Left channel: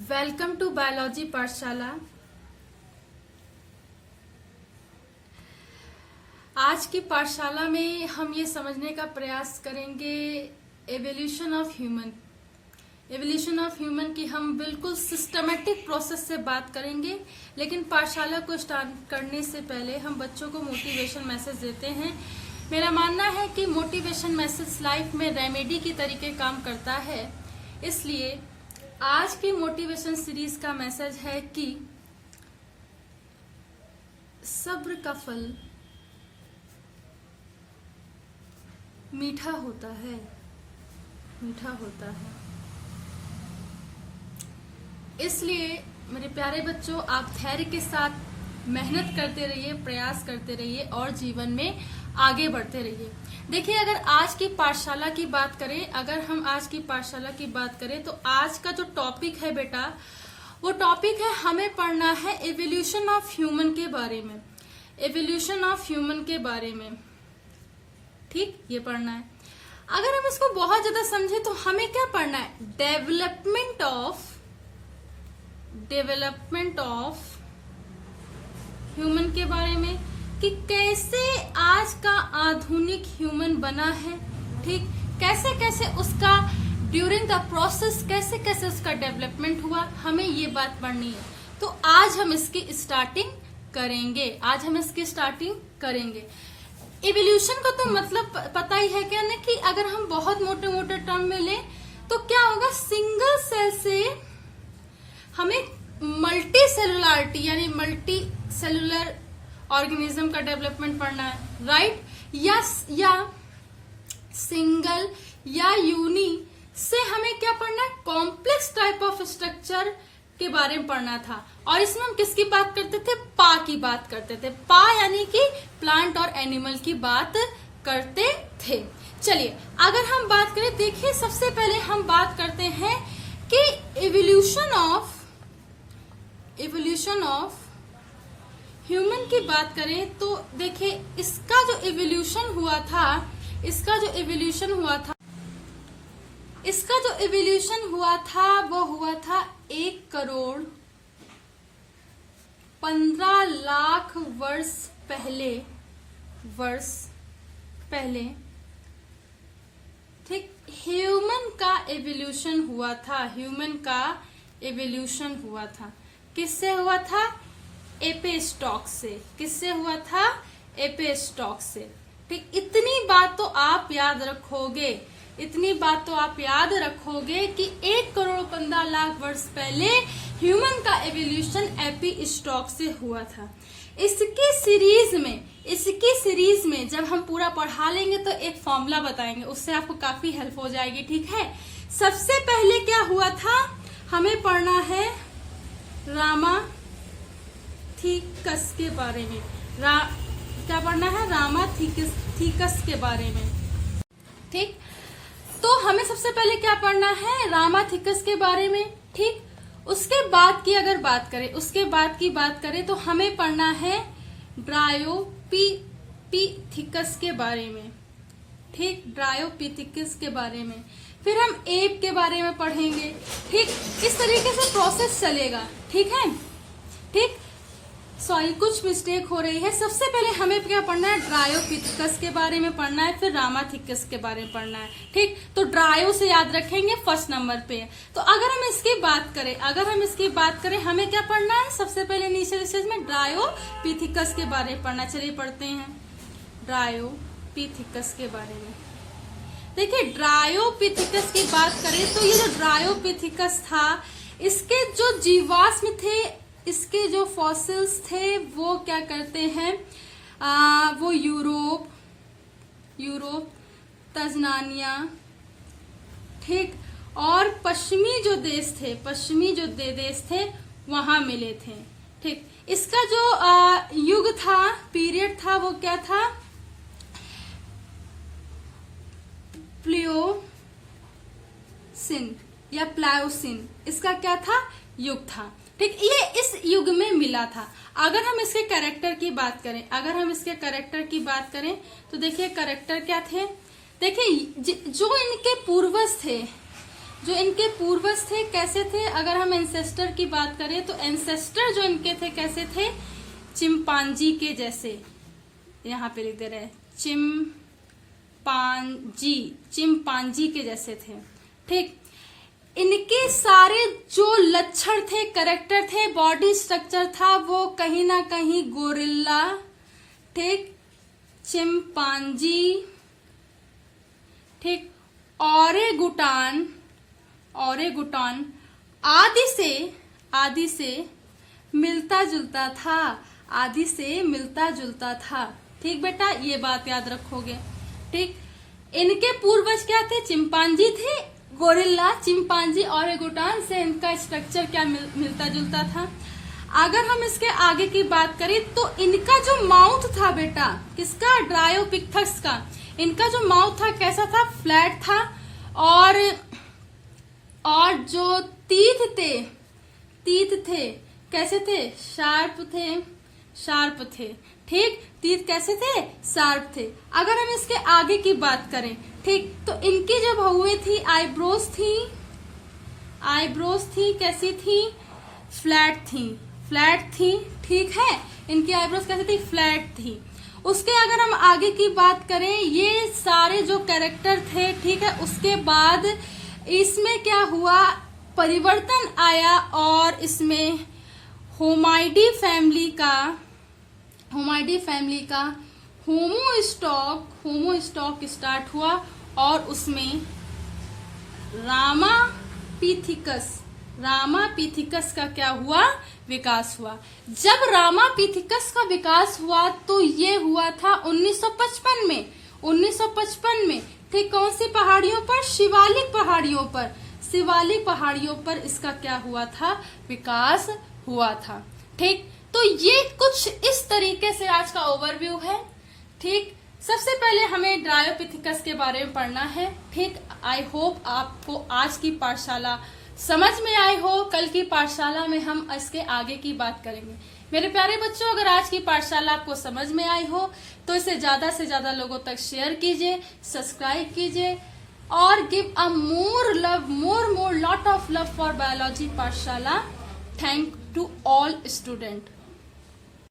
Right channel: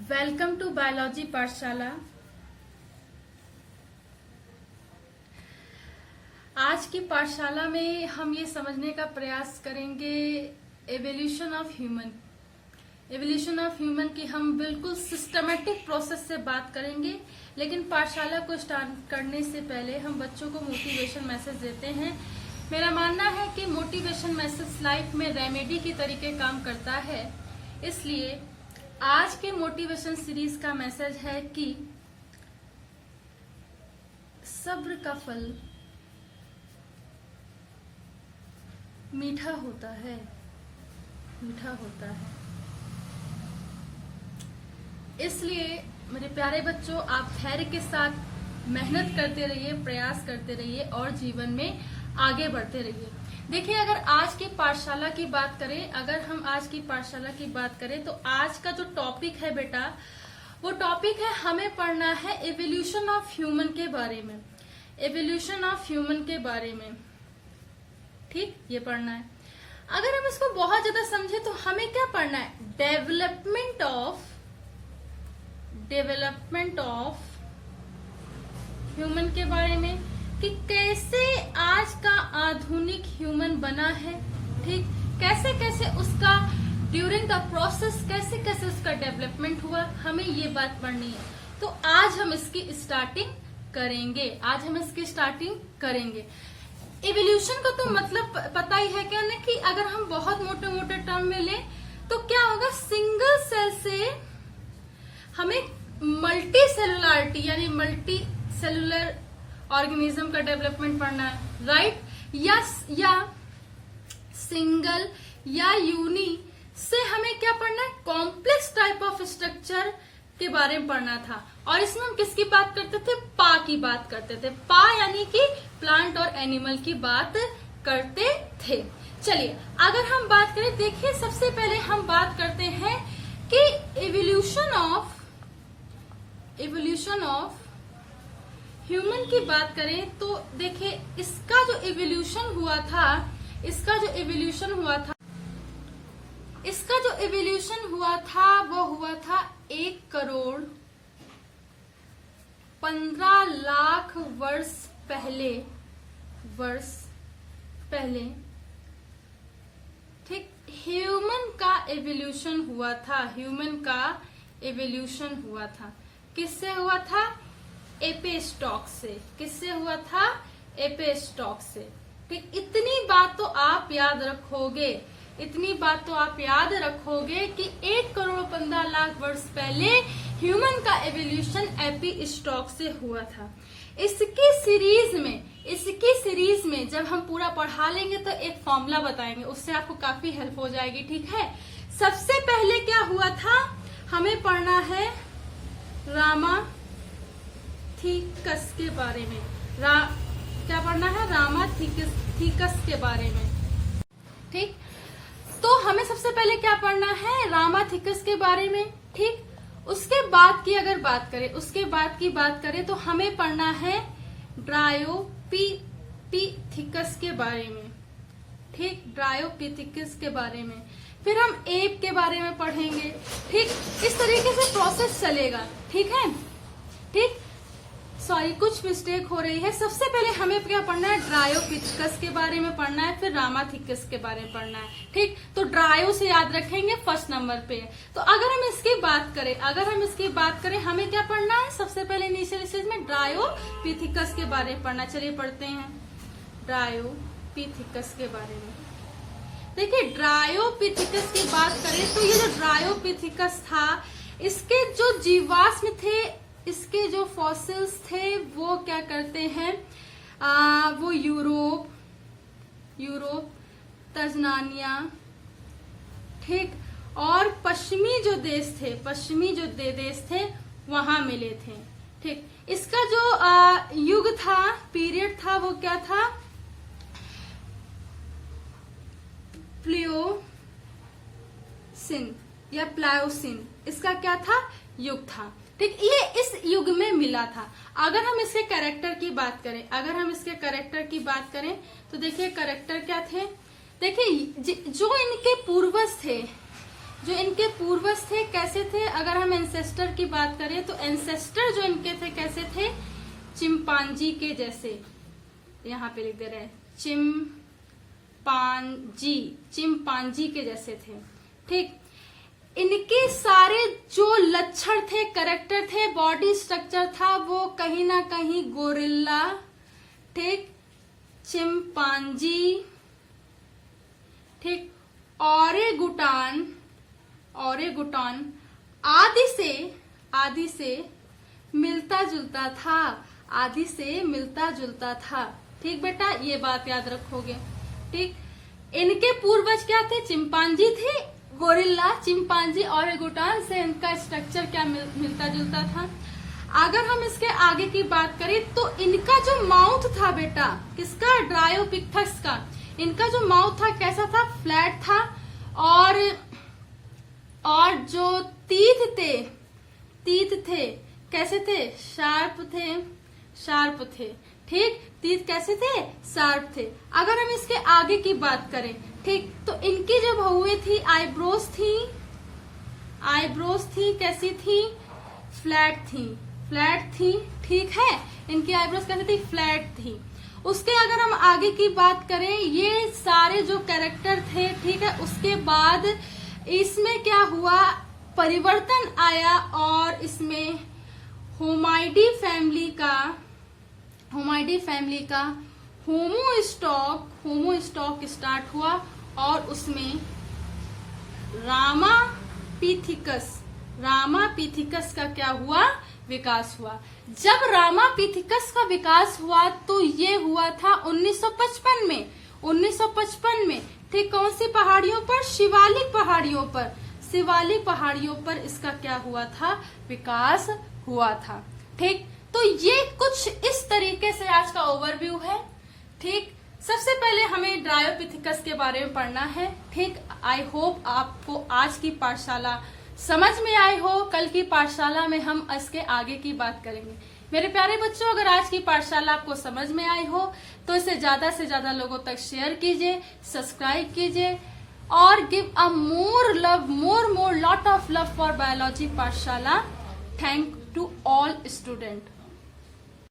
Welcome to biology पाठशाला। आज की पाठशाला में हम ये समझने का प्रयास करेंगे एवोल्यूशन ऑफ ह्यूमन की हम बिल्कुल सिस्टमेटिक प्रोसेस से बात करेंगे। लेकिन पाठशाला को स्टार्ट करने से पहले हम बच्चों को मोटिवेशन मैसेज देते हैं। मेरा मानना है कि मोटिवेशन मैसेज लाइफ में रेमेडी की तरीके काम करता है। इसलिए आज की मोटिवेशन सीरीज का मैसेज है कि सब्र का फल मीठा होता है, मीठा होता है। इसलिए मेरे प्यारे बच्चों, आप धैर्य के साथ मेहनत करते रहिए, प्रयास करते रहिए और जीवन में आगे बढ़ते रहिए। देखिए, अगर आज की पाठशाला की बात करें, तो आज का जो टॉपिक है बेटा, वो टॉपिक है, हमें पढ़ना है एवोल्यूशन ऑफ ह्यूमन के बारे में। एवोल्यूशन ऑफ ह्यूमन के बारे में, ठीक, ये पढ़ना है। अगर हम इसको बहुत ज्यादा समझे तो हमें क्या पढ़ना है? डेवलपमेंट ऑफ ह्यूमन के बारे में, कि कैसे आज का आधुनिक ह्यूमन बना है, ठीक, कैसे कैसे उसका ड्यूरिंग द प्रोसेस कैसे कैसे उसका डेवलपमेंट हुआ, हमें ये बात पढ़नी है। तो आज हम इसकी स्टार्टिंग करेंगे। इवोल्यूशन का तो मतलब पता ही है क्या ना, कि अगर हम बहुत मोटे मोटे टर्म में लें तो क्या होगा, सिंगल सेल से हमें मल्टी सेलुलरिटी यानी मल्टी सेलुलर ऑर्गेनिज्म का डेवलपमेंट पढ़ना है, राइट। या सिंगल या यूनी से हमें क्या पढ़ना है? कॉम्प्लेक्स टाइप ऑफ स्ट्रक्चर के बारे में पढ़ना था। और इसमें हम किसकी बात करते थे? पा की बात करते थे। पा यानी कि प्लांट और एनिमल की बात करते थे। चलिए, अगर हम बात करें, देखिए, सबसे पहले हम बात करते हैं कि इवोल्यूशन ऑफ ह्यूमन की बात करें तो देखिए, इसका जो इवोल्यूशन हुआ था वो हुआ था 1,15,00,000 वर्ष पहले, ठीक। ह्यूमन का इवोल्यूशन हुआ था। किससे हुआ था? एपेस्टॉक से। किससे हुआ था? एपेस्टॉक से, ठीक। इतनी बात तो आप याद रखोगे कि 1,15,00,000 वर्ष पहले ह्यूमन का एवोल्यूशन एपिस्टॉक से हुआ था। इसकी सीरीज में जब हम पूरा पढ़ा लेंगे तो एक फॉर्मूला बताएंगे, उससे आपको काफी हेल्प हो जाएगी, ठीक है। सबसे पहले क्या हुआ था, हमें पढ़ना है रामाथिकस के बारे में। क्या पढ़ना है? रामाथिकस के बारे में, ठीक। तो हमें सबसे पहले क्या पढ़ना है? रामाथिकस के बारे में, ठीक। उसके बाद की बात करें तो हमें पढ़ना है ड्रायोपिथिकस के बारे में, ठीक, ड्रायोपिथिकस के बारे में। फिर हम एप के बारे में पढ़ेंगे, ठीक। इस तरीके से प्रोसेस चलेगा, ठीक है, ठीक। सॉरी, कुछ मिस्टेक हो रही है। सबसे पहले हमें क्या पढ़ना है? ड्रायोपिथिकस के बारे में पढ़ना है, फिर रामाथिकस के बारे में पढ़ना है, ठीक। तो ड्रायो से याद रखेंगे फर्स्ट नंबर पे। तो अगर हम इसकी बात करें हमें क्या पढ़ना है? सबसे पहले इनिशियल स्टेज में ड्रायोपिथिकस के बारे में पढ़ना। चलिए पढ़ते हैं ड्रायोपिथिकस के बारे में। देखिए, ड्रायोपिथिकस की बात करें तो ये जो ड्रायोपिथिकस था, इसके जो जीवाश्म थे, इसके जो फॉसिल्स थे, वो क्या करते हैं, वो यूरोप, तंजानिया, ठीक, और पश्चिमी जो देश थे वहां मिले थे, ठीक। इसका जो युग था, पीरियड था, वो क्या था? प्लायोसिन, इसका क्या था? युग था, ठीक। ये इस युग में मिला था। अगर हम इसके कैरेक्टर की बात करें तो देखिए, कैरेक्टर क्या थे? देखिए, जो इनके पूर्वज थे, जो इनके पूर्वज थे कैसे थे, अगर हम एंसेस्टर की बात करें तो एंसेस्टर जो इनके थे कैसे थे, चिंपांजी के जैसे, यहाँ पे लिख दे रहे हैं चिंपांजी के जैसे थे। ठीक, इनके सारे जो लक्षण थे, करेक्टर थे, बॉडी स्ट्रक्चर था, वो कहीं ना कहीं गोरिल्ला, ठीक, चिंपांजी, ठीक, ओरेगुटान आदि से मिलता जुलता था। ठीक बेटा, ये बात याद रखोगे। ठीक, इनके पूर्वज क्या थे, चिंपांजी थे, गोरिल्ला, चिंपांजी, ओरेगुटान से इनका स्ट्रक्चर क्या मिलता जुलता था। अगर हम इसके आगे की बात करें तो इनका जो माउथ था बेटा, किसका, ड्रायोपिथेकस का, इनका जो माउथ था कैसा था, फ्लैट था, और जो तीत थे कैसे थे, शार्प थे। ठीक, तीत कैसे थे, शार्प थे। अगर हम इसके आगे की बात करें, ठीक, तो इनकी जो बहुएं थी, आईब्रोज थी, कैसी थी, फ्लैट थी। ठीक है, इनकी आईब्रोज कैसी थी, फ्लैट थी। उसके अगर हम आगे की बात करें, ये सारे जो कैरेक्टर थे, ठीक है, उसके बाद इसमें क्या हुआ, परिवर्तन आया और इसमें होमाइडी फैमिली का होमोस्टॉक स्टार्ट हुआ और उसमें रामापिथिकस का क्या हुआ, विकास हुआ। जब रामापिथिकस का विकास हुआ तो ये हुआ था 1955 में। ठीक, कौन सी पहाड़ियों पर, शिवालिक पहाड़ियों पर इसका क्या हुआ था, विकास हुआ था। ठीक, तो ये कुछ इस तरीके से आज का ओवरव्यू है। ठीक, सबसे पहले हमें ड्रायोपिथेकस के बारे में पढ़ना है। ठीक, आई होप आपको आज की पाठशाला समझ में आई हो। कल की पाठशाला में हम इसके आगे की बात करेंगे। मेरे प्यारे बच्चों, अगर आज की पाठशाला आपको समझ में आई हो तो इसे ज्यादा से ज्यादा लोगों तक शेयर कीजिए, सब्सक्राइब कीजिए और give a more lot of love for biology पाठशाला। Thank to all student.